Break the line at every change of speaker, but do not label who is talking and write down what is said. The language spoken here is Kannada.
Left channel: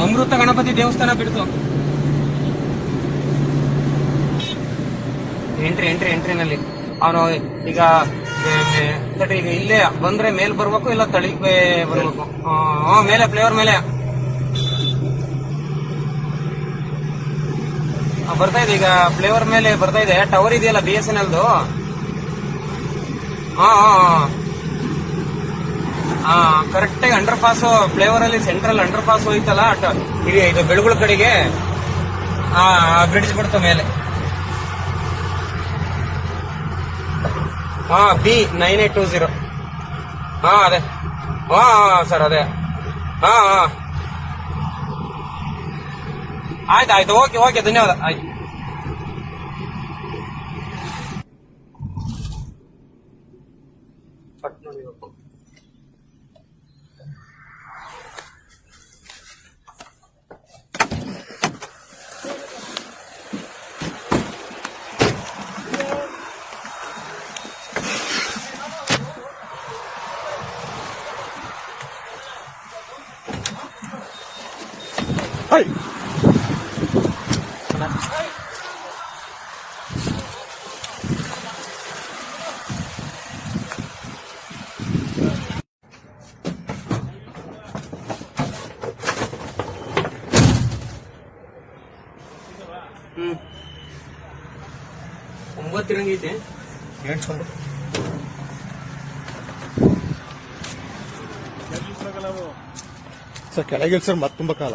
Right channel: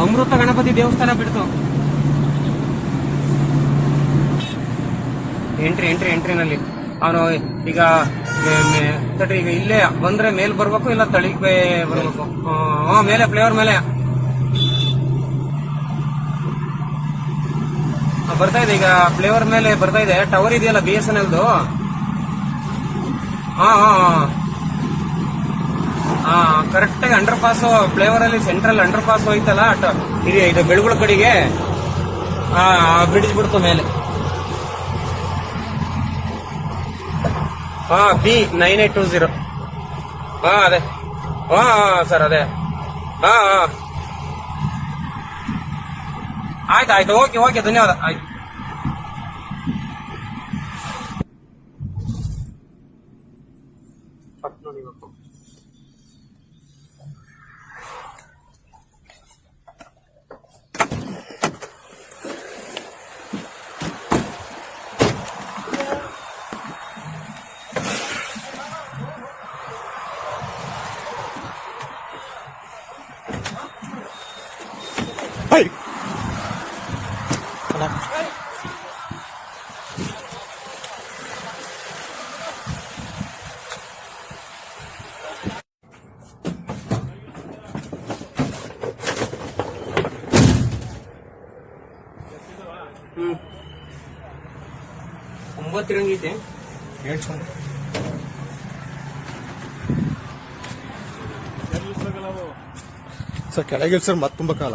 ಅಮೃತ ಗಣಪತಿ ದೇವಸ್ಥಾನ ಬಿಡ್ತು. ಎಂಟ್ರಿ ಎಂಟ್ರಿ ಎಂಟ್ರಿನಲ್ಲಿ ಅವನು ಈಗ ತಡಿ, ಈಗ ಇಲ್ಲೇ ಬಂದ್ರೆ ಮೇಲ್ ಬರ್ಬೇಕು ಇಲ್ಲ ತಳಿಗ್ ಬರ್ಬೇಕು. ಮೇಲೆ ಫ್ಲೇವರ್ ಮೇಲೆ. ಬರ್ತಾ ಇದೆ ಈಗ ಫ್ಲೇವರ್ ಮೇಲೆ ಬರ್ತಾ ಇದೆ. ಟವರ್ ಇದೆಯಲ್ಲ ಬಿ ಎಸ್ ಎನ್ ಎಲ್ದು ಹಾ ಹಾ. ಕರೆಕ್ಟ್ ಆಗಿ ಅಂಡರ್ ಪಾಸ್ ಫ್ಲೇವರ್ ಅಲ್ಲಿ ಸೆಂಟ್ರಲ್ ಅಂಡರ್ ಪಾಸ್ ಹೋಯ್ತಲ್ಲ ಇದು ಇದು ಬೆಳಗುಳ ಕಡೆಗೆ ಬ್ರಿಡ್ಜ್ ಬಿಡ್ತು ಮೇಲೆ. ಹಾ B nine eight two zero ಹಾ ಅದೇ. ಹಾ ಸರ್, ಅದೇ. ಹಾ ಹಾ ಆಯ್ತು ಆಯ್ತು, ಓಕೆ ಓಕೆ, ಧನ್ಯವಾದ. ಆಯ್ತು. ಪಟ್ ನೋಡಿಬೇಕು ಹ್ಮ್ ಒಂಬತ್ತು ರಂಗ್ ಐತೆ
ಸರ್ ಕೆಳಗೆ ಸರ್ ಮತ್ತೆ ತುಂಬಾ ಕಾಲ.